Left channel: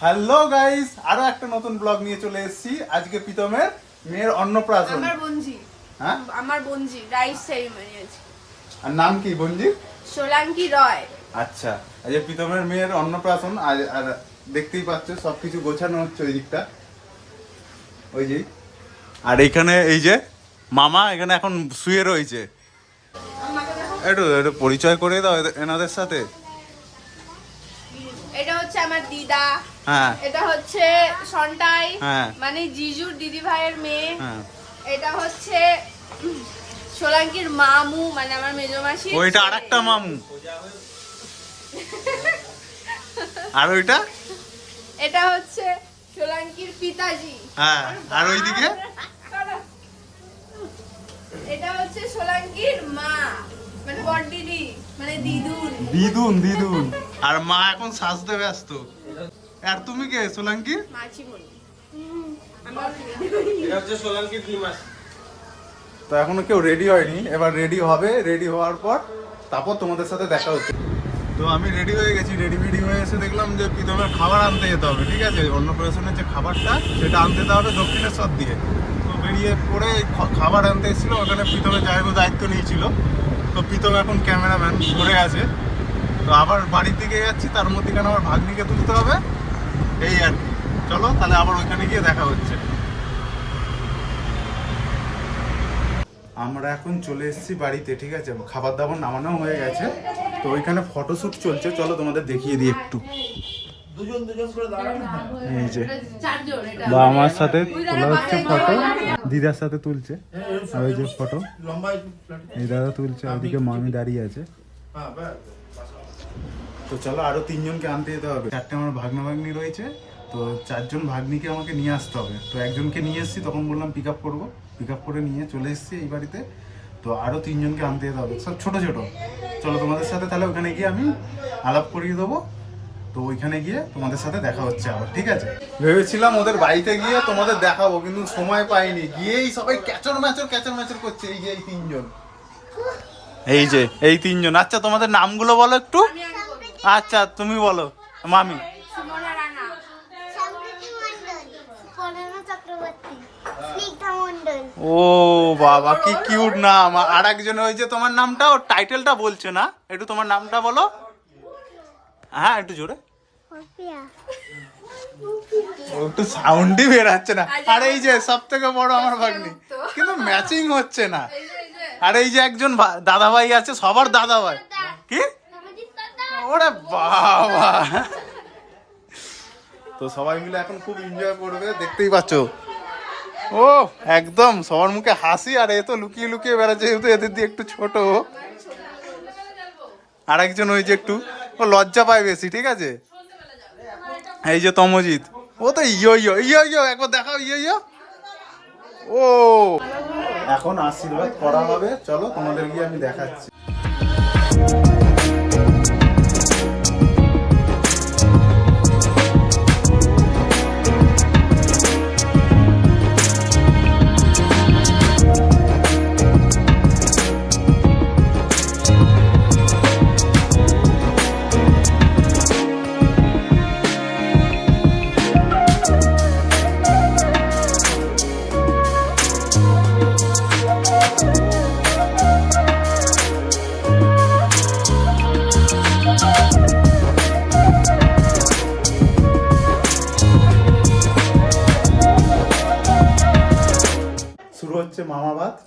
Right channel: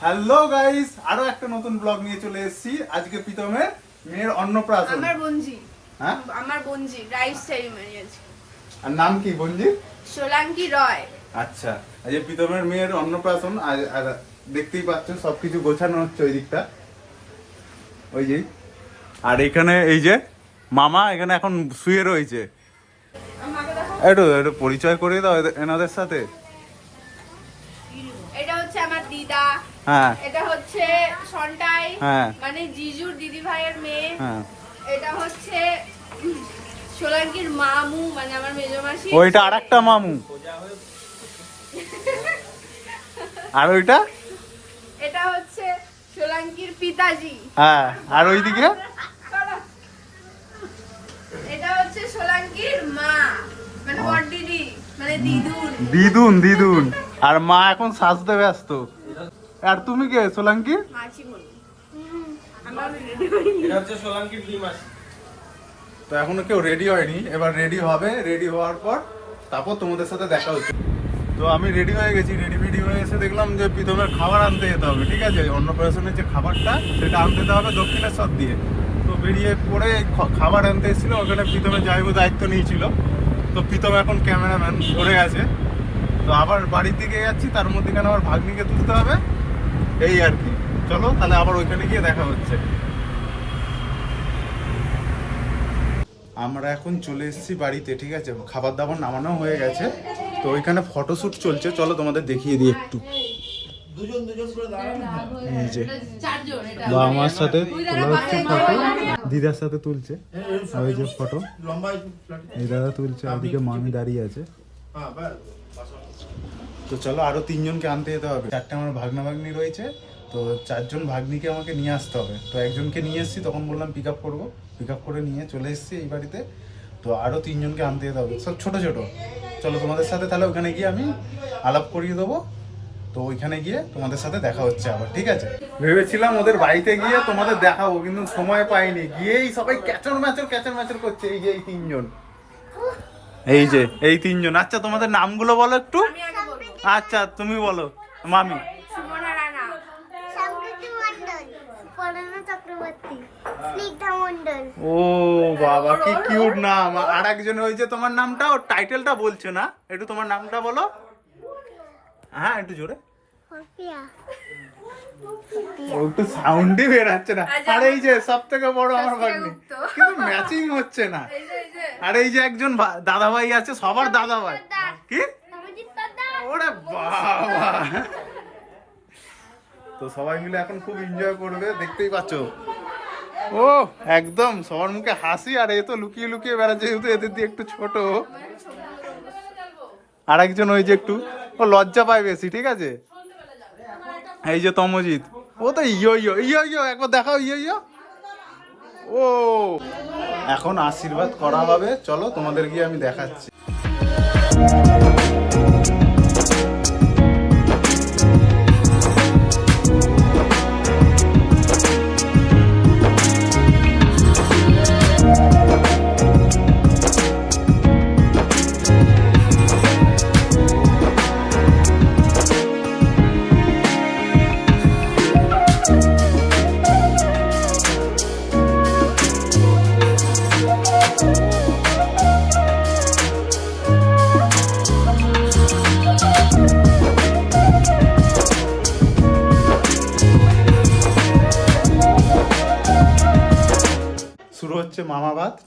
Hello guys আরও একটা নতুন ব্লগ নিয়ে চলে এসেছি। আজকে প্রীতমের মেয়ের অন্নপ্রাশন। আমার বোনজি। হ্যাঁ? আমার বোনজি রাইস সেরিমনি আছে। আর নাম কি বঞ্জি সোলাঙ্কি রয়। আচ্ছা। আজকে প্রীতমের মেয়ের অন্নপ্রাশন আর আর দেখতেই পাচ্ছ সবকিছু গোছানো হচ্ছে ওই দিকটা। ওই যে। আর এইখানে এই যে মামা এখানে এখন শুয়ে রয়েছে। একটু একটু পরিচয় করে দাও এনাদের সাথে। এটা হচ্ছে আমার দিদা। হ্যাঁ। এটা হচ্ছে সন্টাই হ্যাঁ। মানে জিজুর দিদি ভাইয়ের মেয়ে। হ্যাঁ। এটা হচ্ছে সোলাঙ্কির মামু মানে আমার মেজো মাসি। ওইটা আর একটা মামু। আর ওইটা? এটা হচ্ছে সোলাঙ্কির পিতাজি। হ্যাঁ আর ওইদিকে? এটা হচ্ছে সোলাঙ্কির মা মানে বড় দিদি মানে দিদুন। দিদুন দিদুন। আর মা এখন সাজতে ব্যস্ত। আর তুমি কে? সোলাঙ্কি? তো এখনও কেউ রেডি হয়নি। এবার রেডি হবে। রেডি হওয়ার পর তারপর তোমাদের সাথে দেখা হচ্ছে। তো আমি রেডি হয়ে গেছি। রেডি ফেডি হয়ে এসে দেখলাম যে প্রীতমের খাবার আনতে যেতে হবে ঠিক আছে? অন্য অন্নপ্রাশনের যে খাবারটা সেটা আনতে যেতে হবে দক্ষিণেশ্বর দিয়ে। তো বেরিয়ে পড়ে খ- খাবার আনতে এসেছিল। ওখানে প্রীতমের জায়গা দায়িত্ব নিয়েছিল। তো প্রীতম এখন ক্যামেরাম্যান পড়ে আছে। তো আবার বাড়ির দিকে যাচ্ছি। তার মধ্যেখানে আমার ভাগ্নিকে তুলতে হবে। এই আর কি। চলো তাহলে আবার ওইখানে গিয়ে দেখা হচ্ছে। আমরা এখন চলে এসেছি বাড়িতে ঠিক আছে? খাবার দাবার নামানো হয়ে গেছে। তো ওইখানে ফটোশুট চলছে। চলো তোমাদের দেখিয়ে দিই একটু। এই যে। চারজন এটা বাবা মার সাথে তোলা হচ্ছে ফটো দিদার সাথে তুলছে। ওই যে ফটো এই দাদা তুলছে আর ওদিকে মামি দাঁড়িয়ে আছে। তো চলো আরও তিনজনকে আনতে যেতে হবে। চারটে আমার ভাগনা ভাগ্নি রয়েছে তো চারজন ভাগ্নিকে আমাকে নিয়ে আসতে হবে। তো একজনকে নিয়ে এসেছি তখন বললাম পিক আপ করব। পিক আপ করে নিয়ে চলে এসেছি এই বাড়িতে। তো আরও তিনজনকে আনতে যেতে হবে। সব ছোট ছোট। চলো তোমাদের সাথে তাহলে ওখানে গিয়ে আমি আলাপ করিয়ে দেবো। তো ওইখানে গিয়ে তোমাদের সাথে দেখা হচ্ছে আবার ঠিক আছে? ভেবেছিলাম ওদের বাড়িতে গিয়ে তোমাদের দেখাবো কিন্তু সময় পাইনি। গিয়েই সবাই ক্যাচর ম্যাচর ক্যাচর ম্যাচর করছে এই যে এই তিনজন। এই যে এই তিনজন। আচ্ছা তোমাদের নামগুলো বলো একটু। আচ্ছা তুমি বলো মামি। ও বাবা কি কিউট নাম। আর একজন হয়েছে তোমার নামটা ওর টাইটেলটা বলছে না? একটু তোমার নামটা বলো। হ্যাঁ একটু জোরে। ও একটু সাউন্ডই বেরাচ্ছে না। আর এই যে সব থেকে বড় আমার ভাগ্নি। কিন্তু ম্যাচিং হচ্ছে না। আর এই যে একজন দাদাভাই আছে সবার দাদাভাই। ওরে বাবা। তো সবাই মিলে এখন খুব এনজয় করবে দেখতেই পাচ্ছ। ও একদম সবার মুখে হাসি আর এ তো লুকিয়ে লুকিয়ে বেড়াচ্ছে যেহেতু এদের দিয়ে একটু ছোট। আর একজন ওই যে একটু ও লজ্জা পায় বেশি ঠিক আছে? এই যে তমজিৎ ও তো ইয়ো ইয়ো ইয়ো ইয়ো একবার দেখাও ইয়ো ইয়ো। ও। এখন আশীর্বাদ করা হবে চলো তোমাদের গিয়ে আমি দেখাচ্ছি।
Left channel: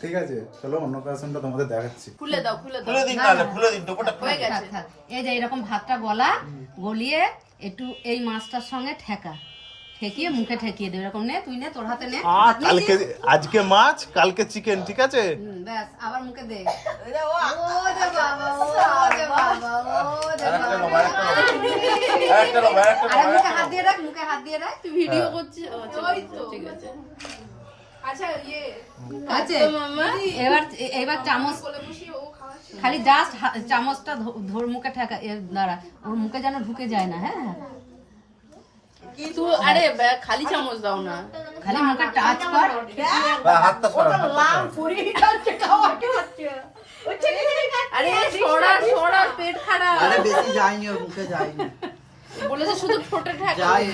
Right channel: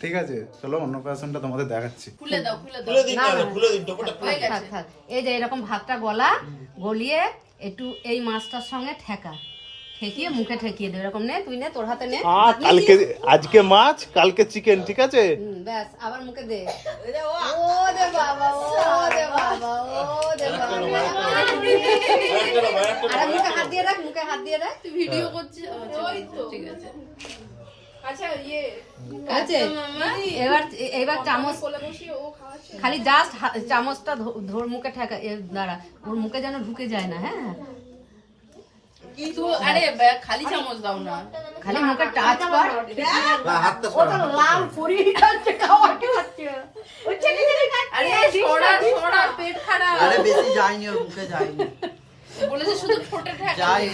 ঠিক আছে চলো অন্নপ্রাশনটা তোমাদের দেখাচ্ছি। খুলে দাও খুলে দাও। খুলে দিন তাহলে খুলে দিন টোপটা থাক, গেছে এই যে এরকম ভাতটা গলা গলিয়ে একটু এই মাছটার সঙ্গে ঠেকা। ঠেকিয়ে মুখে ঠেকিয়ে দেবে এরকম নে তুই নে তোর হাতে নে। কালকে আজকে মাছ কালকে চিকেন ঠিক আছে? ব্যাস আবার মুখে দে। ও দে বাবা ও দে বাবা ও দে বাবা। মুখে হাত দিয়ে রাখ মুখে হাত দিয়ে রাখ। তুই ভিডিও করছি ও, আচ্ছা, ঠিক আছে। আছে। এবার এবার চামচ। কোলে বসিয়ে ও খাওয়াচ্ছে? খালি জাস্ট চামচটা ধর মুখে ঠেকা দাঁড়া ওর মুখে যেন ঢুকে যায় না হ্যাঁ কিন্তু আরে খালি চামচ দাও না। খালি মুখে টাচ কর। হাতটা সরা আরে সরা সরা পেট খারাপ। আরে বেশি যায়নি ওর মুখে যায়নি। বলেছে শুধু ঠোঁটে ঠেকা যাই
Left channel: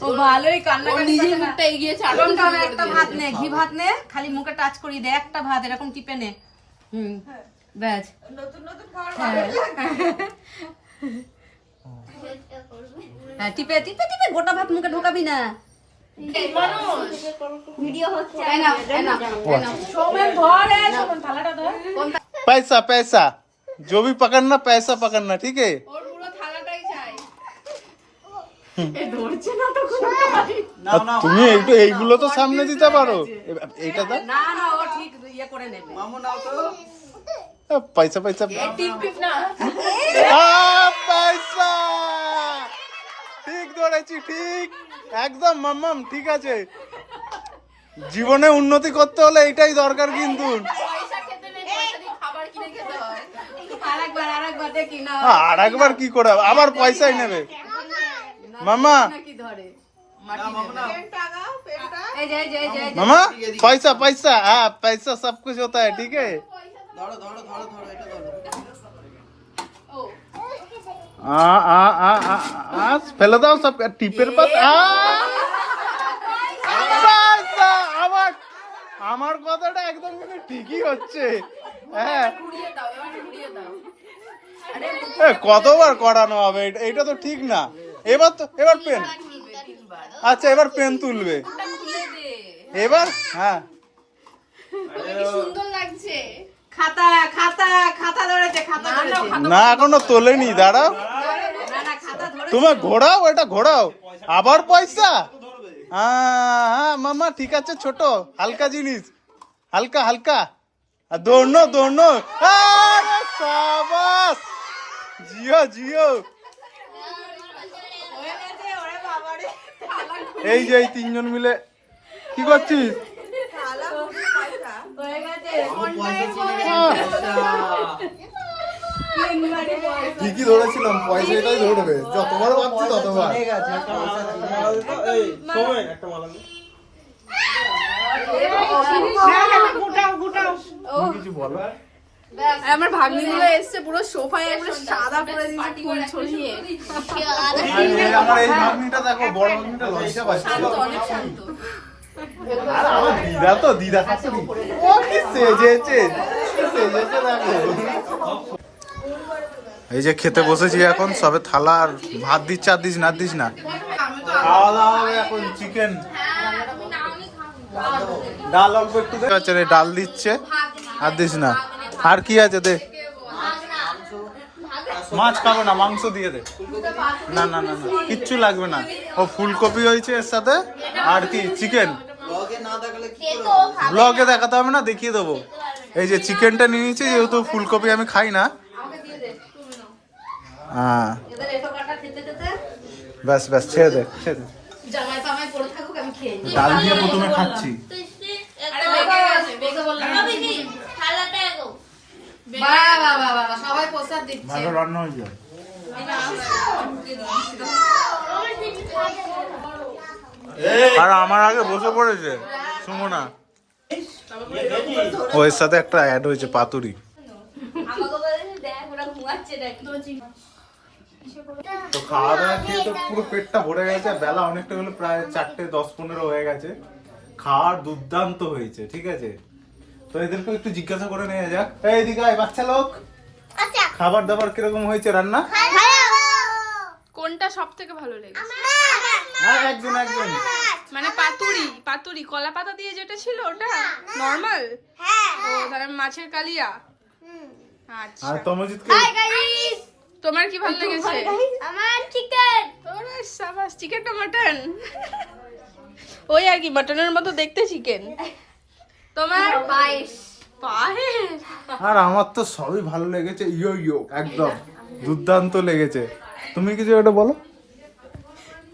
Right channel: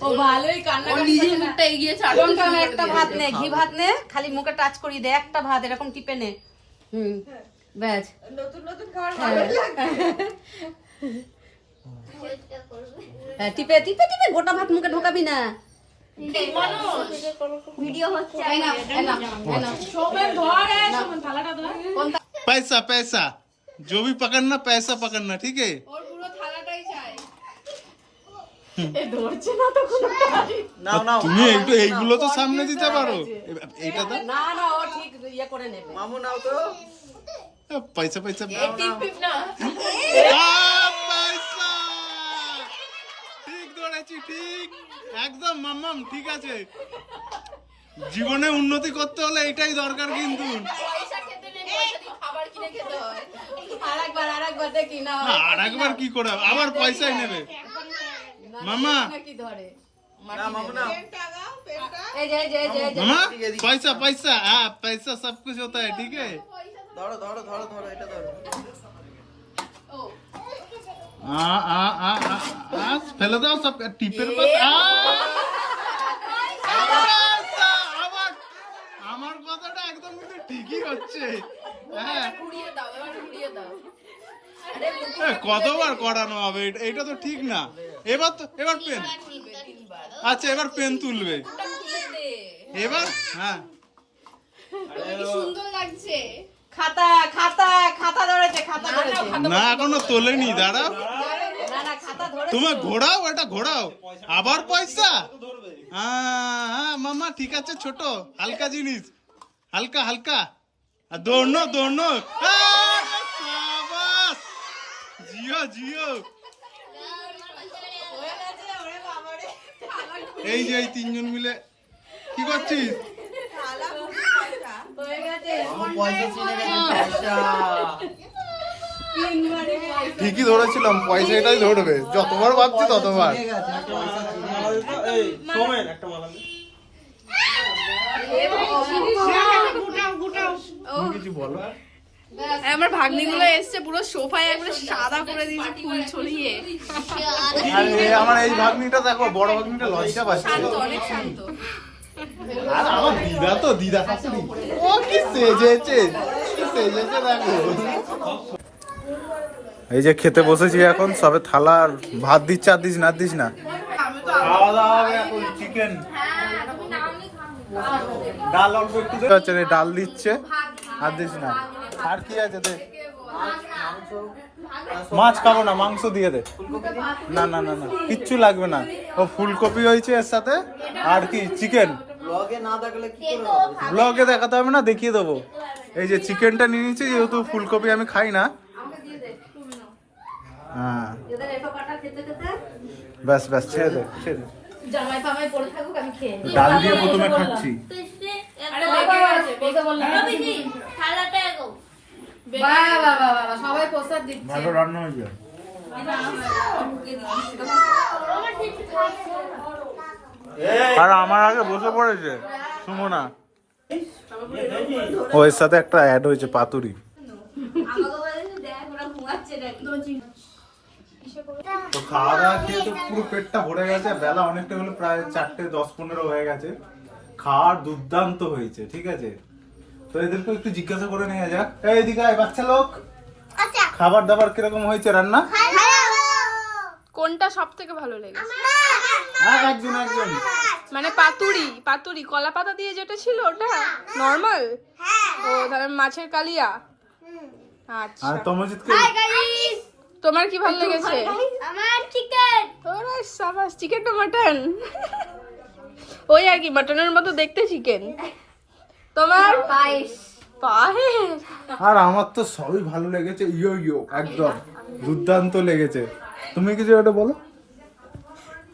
ও ভালোই কান্না ওর নিজের মুখটা এগিয়েছে আর লঙ্কা একটা ভাত নে ঘি ভাত নে খালি মুখে টাচ করি দে একটা ভাত এরকম টিপে নে হুম ব্যাস হ্যাঁ টিপে টিপে টিপে গোটা ভাত মুখে ঢোকাবি না ভিডিও হচ্ছে पैसा पैसा जो भी पकड़ना पैसा पकड़ना ठीक है তুমি এইটো এইগুলো তো সামনে দিতে পারো। এ- এইটা দাও। না না ও ঠিক ইয়ে করে নেবে। মামু নাও তো। পয়সা পয়সা। পয়সা। ঠিক ধরেছি ঠিক। একদম মাম্মাম ঠিক আছে। জীবনে উন্নতি করতে হলে এটাই দরকার কিন্তু। হয়। আর একবার কি করে আবার পয়সাই নেবে। মামা। মামা। পয়সা পয়সা হ্যাঁ পয়সা সব কিছু হতা হ্যাঁ ঠিক ফেলে দাও সব টিপের পাতা। আমার আমার কথাটা একদম কিন্তু ঠিকই হচ্ছে। হ্যাঁ। কতবার করানো হবে? এটা তো ঠিক না। এবার তো এবার পেন। আচ্ছা এবার পেন তুলবে। এবার? হ্যাঁ। সুন্দর লাগছে। খাতা খাতা খাতা ধরেছে খাতা না এখনও তোলেনি দাঁড়াও। না না খাতা ধরে তোমার ঘোরাও এটা ঘোরাও। আবার পয়সা? হ্যাঁ হ্যাঁ মামা ঠিক আছে ছোট হালকা জিনিস। হালকা হালকা। আর দৌড়নো দৌড়নো। জিও জিও। এই যে এই তিনজন মিলে কি করছিস? ঠিকই ধরেছিলাম পয়সা এটাই ধরবে যতবার ভাবছি ততবার। দাও। তুমি কিছু বলো? আমার ভাগ্নিগুলো এসছে পুরো সোফায় একবার সাদা করে দিয়েছে ফুল ছড়িয়ে। আমার এই ভাগ্নিটা দেখো বড় ভাগ্নিটা লজ্জা পাচ্ছে। শান্ত অনেক শান্ত। আর আমার দিদা তো দিদা শাশুড়ি ও কি সেজেছে সেজেছে দেখো। এই যে খেতে বসেছি এখন সবে থালা আর ভাত দিচ্ছে আর দিস না দিস না। খাওয়া দাওয়া এখন চিকেন ডাল অল্প একটু ডাল দিচ্ছে আর দিস না। আর কি আছে দে? মাছ খাব না, মাংস দিয়ে দে। না না না না, কিচ্ছু লাগবে না। ও ফুলকপি হয়েছে এর সাথে, আর কি, চিকেন। ব্লগে দেখাতে হবে না, দেখিয়ে দেবো। এই যে চিকেনটা নিয়ে নিয়েছি, যেহেতু ফুলকপি আমি খাই না। হ্যাঁ। ব্যাস ব্যাস ছেড়ে দে ডাল দিয়ে প্রথমে খাচ্ছি। ভালো রান্না হয়েছে আর আমার আগে বসে পড়েছে সুমনা। ও এর সাথে একটা অ্যাড হয়েছে পাতুরি। তো খাওয়া দাওয়া খেয়ে তো পুরো পেটটা ভরে গেছে বেলা অনেকটা হলো প্রায় চারটে দশ পনেরো হয়ে গেছে। খাওয়ার দুর্দান্ত হয়েছে ঠিক আছে? তো এদেরকে একটু জিজ্ঞাসা করে নেওয়া যাক। এই দিকে আয়, বাচ্চা লোক! খাবার দাবার কীরকম হয়েছে রান্না? কোনটা সব থেকে ভালো লেগেছে? একজন একজন। মানে পাতুরি পাতুরি কলা পাতা দিয়ে যেটা ছিল ওটা? নর্মাল? হ্যাঁ। ও তাহলে মাছের কালিয়া? আচ্ছা। আর তমজিৎকে হাই তোমার কি ভালো লেগেছে? আমার চিকেন ওরে সাবাস চিকেন না মাটন ওই আর কি মাটনের মতো দেখতে চিকেন তোমার? পায়েস। আর আমার তো সবই ভালো লেগেছে ইয়ো ইয়ো একদম। দুর্দান্ত লেগেছে। তুমি কিছু একটা বলো?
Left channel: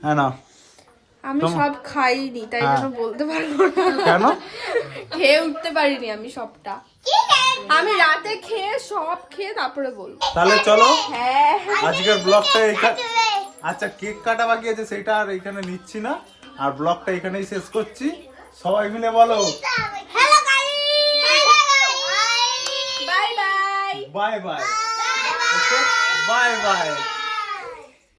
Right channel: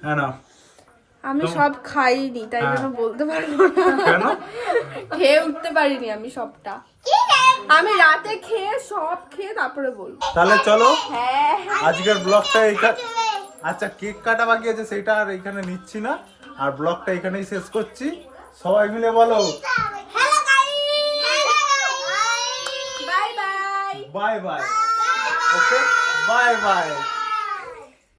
হ্যাঁ না আমি সব খাইনি তাই হ্যাঁ। জন্য বলতে পারব না। কেন? খেয়ে উঠতে পারিনি আমি সবটা। আমি রাতে খেয়ে সব খেয়ে তারপরে বলব। তাহলে চলো হ্যাঁ। আজকের ব্লগটা এইখানে আচ্ছা কেক কাটা বাকি আছে সেটা আর এখানে নিচ্ছি না। আর ব্লগটা এখানেই শেষ করছি। সবাই মিলে বলো। Bye bye. Okay bye. Bye